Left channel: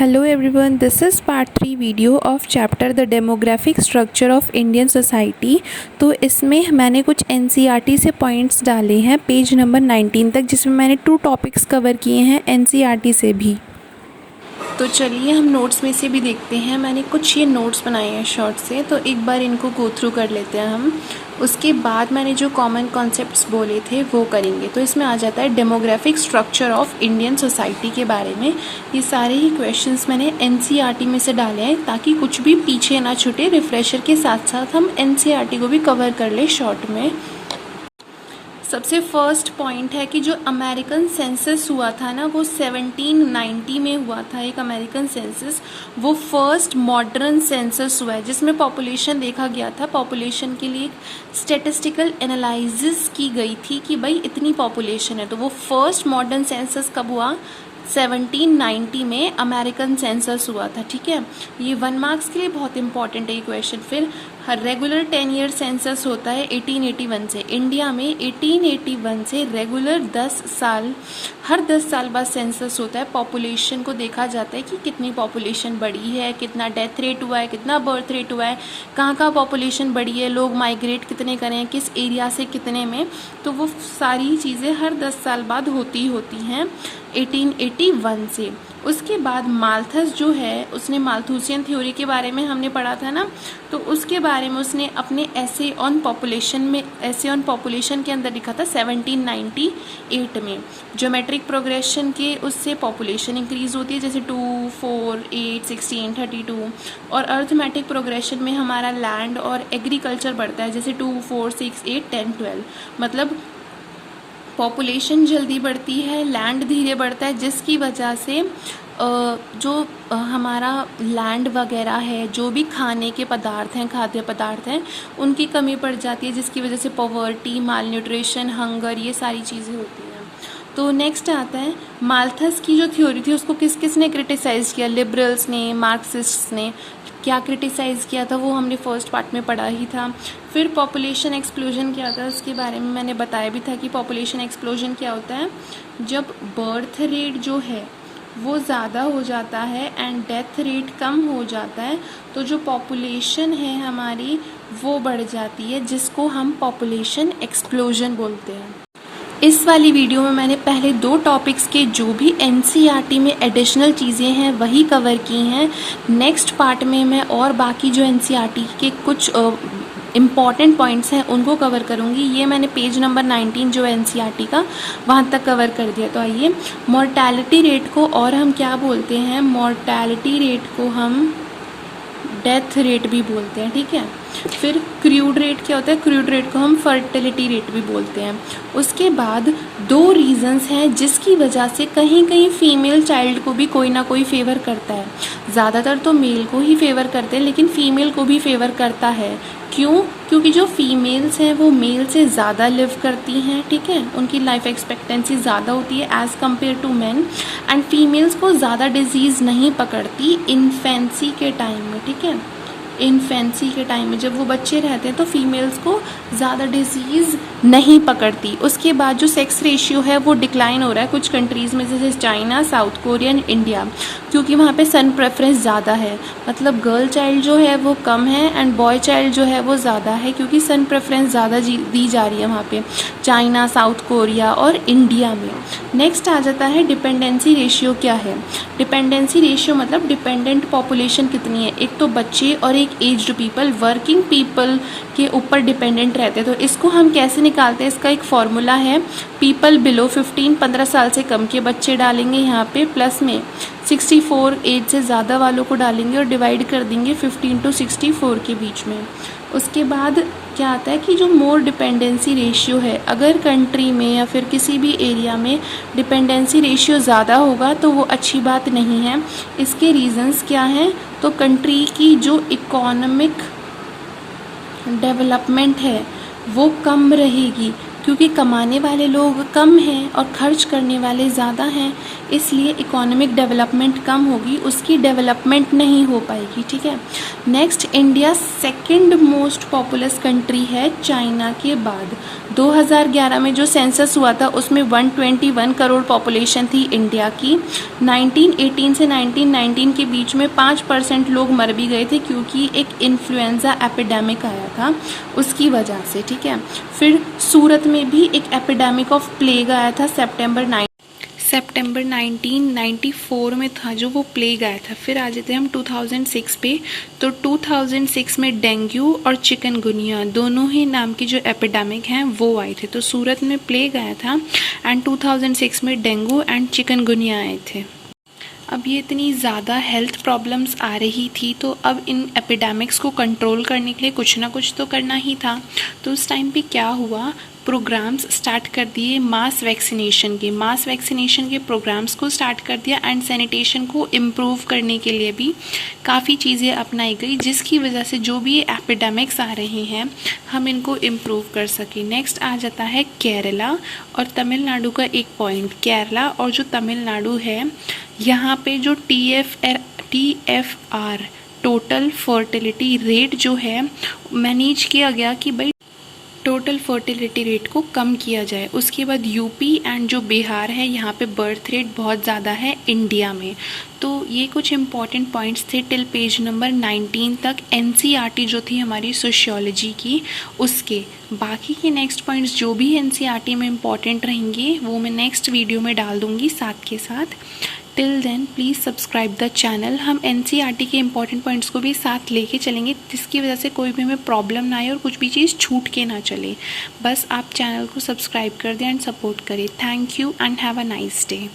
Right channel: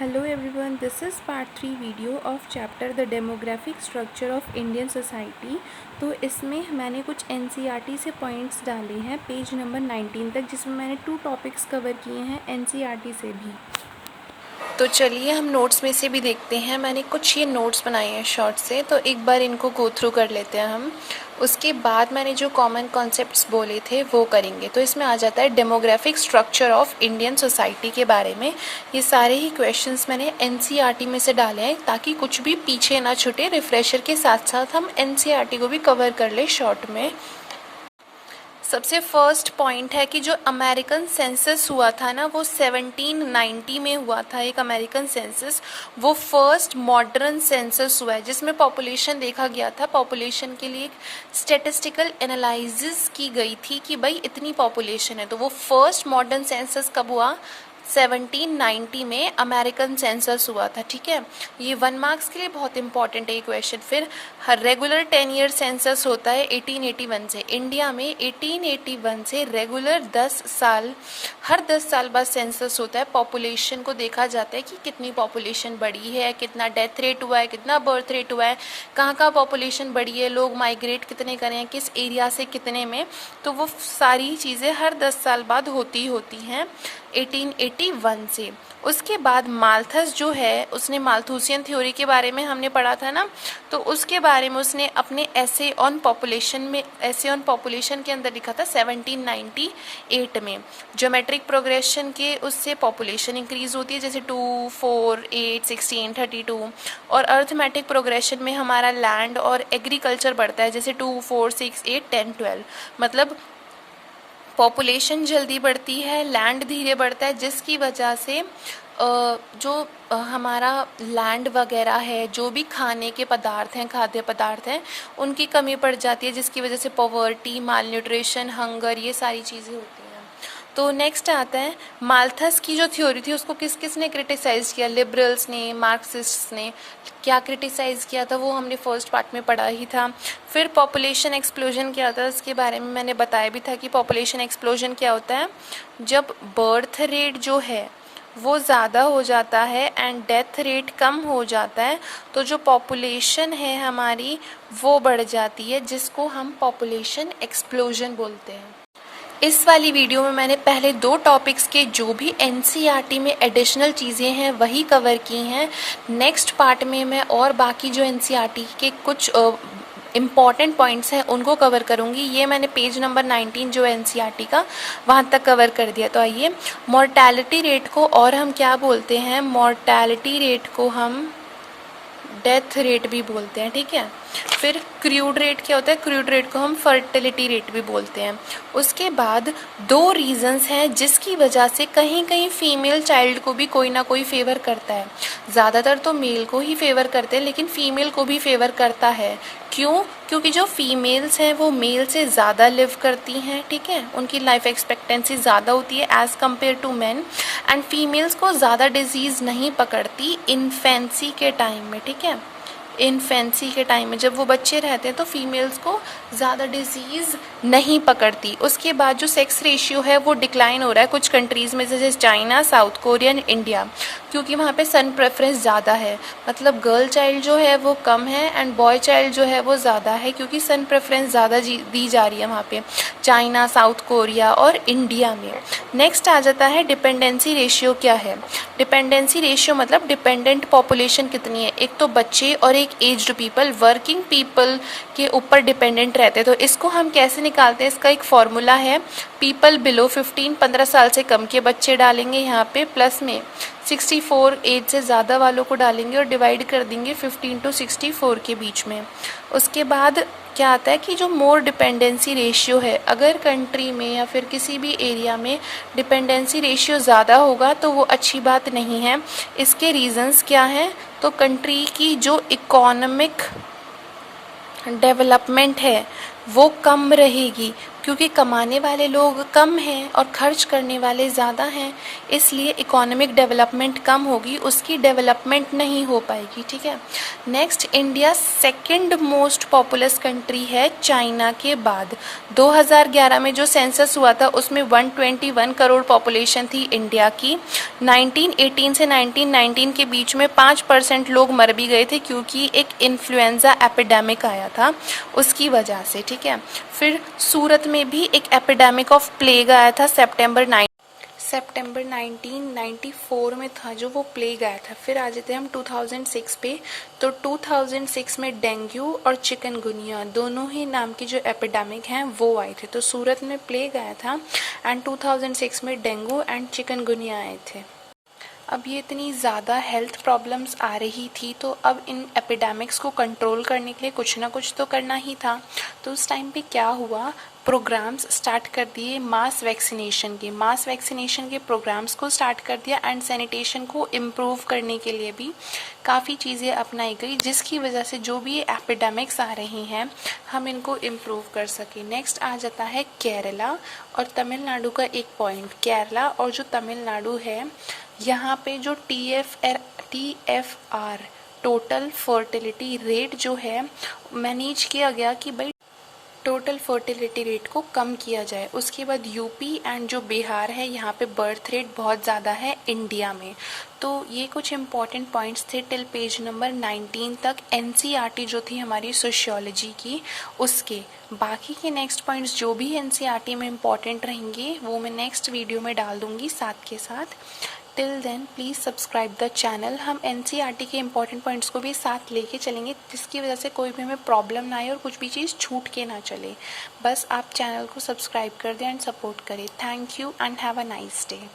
Hello everyone, this is part 3 video of chapter the demographic structure of Indian society. तो इसमें मैंने कुछ NCERT से पॉइंट्स डाले हैं पेज नंबर 19 तक, जिसमें मैंने 2 टॉपिक्स कवर किए हैं एनसीईआरटी से भी। तो चलिए हम नोट्स में से भी देखते हैं। मैंने कुछ ये नोट्स बनाए हैं शॉर्ट से, तो एक बार इनको गो थ्रू कर लेते हैं हम। उसके बाद मैंने जो कॉमन कॉन्सेप्ट्स बोले थे वो करेंगे। तो इसमें आ जाता है demographic structure of Indian society के बारे में। ये सारे ही क्वेश्चंस मैंने एनसीईआरटी में से डाले हैं ताकि कुछ भी पीछे ना छूटे। रिफ्रेशर के साथ साथ हम एनसीईआरटी को भी कवर कर ले शॉर्ट में। सबसे फर्स्ट पॉइंट है कि जो अमेरिकन सेंसस हुआ था ना, वो 1790 में हुआ था। एक अमेरिकन सेंसस, वो फर्स्ट मॉडर्न सेंसस हुआ है जिसमें पॉपुलेशन देखा गया था। पॉपुलेशन के लिए स्टैटिस्टिकल एनालिसिस की गई थी कि भाई इतनी पॉपुलेशन है। तो वो फर्स्ट मॉडर्न सेंसस कब हुआ? 1790 में अमेरिकन सेंसस हुआ था। ठीक है, ये 1 मार्क्स के लिए बहुत इंपॉर्टेंट है ये क्वेश्चन। फिर हर रेगुलर 10 ईयर सेंसस होता है 1881 से। इंडिया में 1881 से रेगुलर 10 साल, हर 10 साल बाद सेंसस होता है। पॉपुलेशन को देखा जाता है कि कितनी पॉपुलेशन बढ़ी है, कितना डेथ रेट हुआ है, कितना बर्थ रेट हुआ है, कहाँ कहाँ पॉपुलेशन बढ़ी है, लोग माइग्रेट कितने करें, किस एरिया से कितने में। तो वो सारी चीज़ें हर 10 साल बाद होती हैं 1881 से। उसके बाद माल्थस जो है, उसने माल्थुसियन थ्योरी के बारे में हमने पढ़ा था ना, तो उसके बारे में उसने अपने ऐसे ऑन पॉपुलेशन के अंदर लिखा था 1798 में। ज्योमेट्रिक प्रोग्रेशन के उससे पॉपुलेशन इंक्रीज होती है, जैसे 2, 4, 8, 16, 32। और अर्थमेटिक प्रोग्रेशन में हमारा लैंड और एग्रीकल्चर बढ़ता है, जैसे 2, 4, 6, 8, 10, 12। मतलब पॉपुलेशन जल्दी बढ़ती है, लैंड धीरे बढ़ता है, जिसकी वजह से जो हमारा लैंड वगैरह है, जो भी खाने के पदार्थ हैं, खाद्य पदार्थ हैं, उनकी कमी पड़ जाती है, जिसकी वजह से पॉवर्टी, मालन्यूट्रिशन, हंगर, ये सारी चीज़ें होती हैं। तो नेक्स्ट आता है माल्थस की जो थ्योरी थी उसको किस किस ने क्रिटिसाइज़ किया? लिबरल्स ने, मार्क्सिस्ट्स ने। क्या क्रिटिसाइज़ किया था वो हमने फर्स्ट पार्ट में पढ़ा ही था। फिर पॉपुलेशन एक्सप्लोजन क्या था उसके बारे में मैंने बताया भी था कि पॉपुलेशन एक्सप्लोजन क्या होता है, जब बर्थ रेट जो है वो ज़्यादा हो जाता है एंड डेथ रेट कम हो जाता है, तो जो पॉपुलेशन है हमारी वो बढ़ जाती है, जिसको हम पॉपुलेशन एक्सप्लोजन बोलते हैं। इस वाली वीडियो में मैंने पहले 2 टॉपिक्स के जो भी एनसीईआरटी में एडिशनल चीज़ें हैं वही कवर की हैं। नेक्स्ट पार्ट में मैं और बाकी जो एनसीईआरटी के कुछ इम्पॉर्टेंट पॉइंट्स हैं उनको कवर करूँगी। ये मैंने पेज नंबर 19 जो एनसीईआरटी का, वहाँ तक कवर कर दिया। तो आइए, मॉर्टैलिटी रेट को और हम क्या बोलते हैं? मॉर्टैलिटी रेट को हम डेथ रेट भी बोलते हैं। ठीक है, फिर क्रूड रेट क्या होता है? क्रूड रेट को हम फर्टिलिटी रेट भी बोलते हैं। उसके बाद 2 रीजंस हैं जिसकी वजह से कहीं कहीं फीमेल चाइल्ड को भी कोई ना कोई फेवर करता है। ज़्यादातर तो मेल को ही फेवर करते हैं, लेकिन फीमेल को भी फेवर करता है। क्यों? क्योंकि जो फीमेल्स हैं वो मेल से ज़्यादा लिव करती हैं। ठीक है, उनकी लाइफ एक्सपेक्टेंसी ज़्यादा होती है as compared to man. And females को ज़्यादा डिजीज़ नहीं पकड़ती इन्फेंसी के टाइम में। ठीक है, इन्फेंसी के टाइम में जब वो बच्चे रहते हैं तो फीमेल्स को ज़्यादा डिजीज़ नहीं पकड़ती। उसके बाद जो सेक्स रेशियो है वो डिक्लाइन हो रहा है कुछ कंट्रीज़ में, जैसे China, south Korea and India, क्योंकि वहाँ पे सन प्रेफरेंस ज़्यादा है। मतलब गर्ल चाइल्ड जो है वो कम है एंड बॉय चाइल्ड जो है वो ज़्यादा है, क्योंकि सन प्रेफरेंस ज़्यादा दी जा रही है वहाँ पे चाइना, साउथ कोरिया और इंडिया में। नेक्स्ट आ जाता है डिपेंडेंसी रेशियो क्या है? डिपेंडेंसी रेशियो मतलब डिपेंडेंट पॉपुलेशन कितनी है। एक तो बच्चे और एक एज्ड पीपल, वर्किंग पीपल के ऊपर डिपेंडेंट रहते हैं। तो इसको हम कैसे निकालते हैं? इसका एक फॉर्मूला है, पीपल बिलो 15, 15 साल से कम के बच्चे डालेंगे यहाँ पे, प्लस में 64 एज से ज़्यादा वालों को डालेंगे और डिवाइड कर देंगे 15 to 64 के बीच में। उसके बाद क्या आता है कि जो मोर डिपेंडेंसी रेशियो है, अगर कंट्री में या फिर किसी भी एरिया में डिपेंडेंसी रेशियो ज़्यादा होगा तो वो अच्छी बात नहीं है। इसके रीजंस क्या हैं? तो कंट्री की जो इकोनॉमिक डेवलपमेंट है वो कम रहेगी, क्योंकि कमाने वाले लोग कम हैं और खर्च करने वाले ज़्यादा हैं। इसलिए इकोनॉमिक डेवलपमेंट कम होगी, उसकी डेवलपमेंट नहीं हो पाएगी, ठीक है। Next, India second most populous country है चाइना के बाद। 2011 में जो सेंसस हुआ था उसमें 121 करोड़ पॉपुलेशन थी इंडिया की। 1918 से 1919 के बीच में 5% लोग मर भी गए थे क्योंकि एक इन्फ्लुएंजा एपिडेमिक आया था उसकी वजह से, ठीक है। फिर सूरत में भी एक एपिडेमिक ऑफ प्लेग आया था सितंबर 1994 में था जो वो प्लेग आया था। फिर आ जाते हैं हम 2006 पे, तो 2006 में डेंगू और चिकनगुनिया दोनों ही नाम की जो एपिडेमिक हैं वो आए थे। तो सूरत में प्लेग आया था एंड 2006 में डेंगू एंड चिकनगुनिया आए थे। अब ये इतनी ज़्यादा हेल्थ प्रॉब्लम्स आ रही थी तो अब इन एपिडेमिक्स को कंट्रोल करने के लिए कुछ ना कुछ तो करना ही था। तो उस टाइम पे क्या हुआ, प्रोग्राम्स स्टार्ट कर दिए मास वैक्सीनेशन के प्रोग्राम्स को स्टार्ट कर दिया एंड सैनिटेशन को इम्प्रूव करने के लिए भी काफ़ी चीज़ें अपनाई गई, जिसकी वजह से जो भी एपिडेमिक्स आ रहे हैं हम इनको इम्प्रूव कर सकें। नेक्स्ट आ जाता है केरला और तमिलनाडु का एक पॉइंट। केरला और जो तमिलनाडु है यहाँ पे जो TFR टोटल फर्टिलिटी रेट जो है मैनेज किया गया कि भाई टोटल फर्टिलिटी रेट को कम किया जाए। उसके बाद यूपी एंड जो बिहार है यहाँ पे बर्थ रेट बहुत ज़्यादा है इंडिया में। तो ये कुछ इंपॉर्टेंट पॉइंट्स थे टिल पेज नंबर 19 तक NCERT जो थी हमारी सोशियोलॉजी की उसके। बाकी के नेक्स्ट पॉइंट्स जो भी NCERT में इम्पॉर्टेंट रहेंगे वो मैं नेक्स्ट वीडियो में डाल दूँगी साथ के साथ। Till then please subscribe the channel. हम NCERT के इंपॉर्टेंट पॉइंट्स को भी साथ लेके चलेंगे जिसकी वजह से कोई भी हमें प्रॉब्लम ना आए और कुछ भी चीज़ छूट के ना चले। बस आप चैनल को सब्सक्राइब कर दें एंड सपोर्ट करें। Thank you and have a nice day.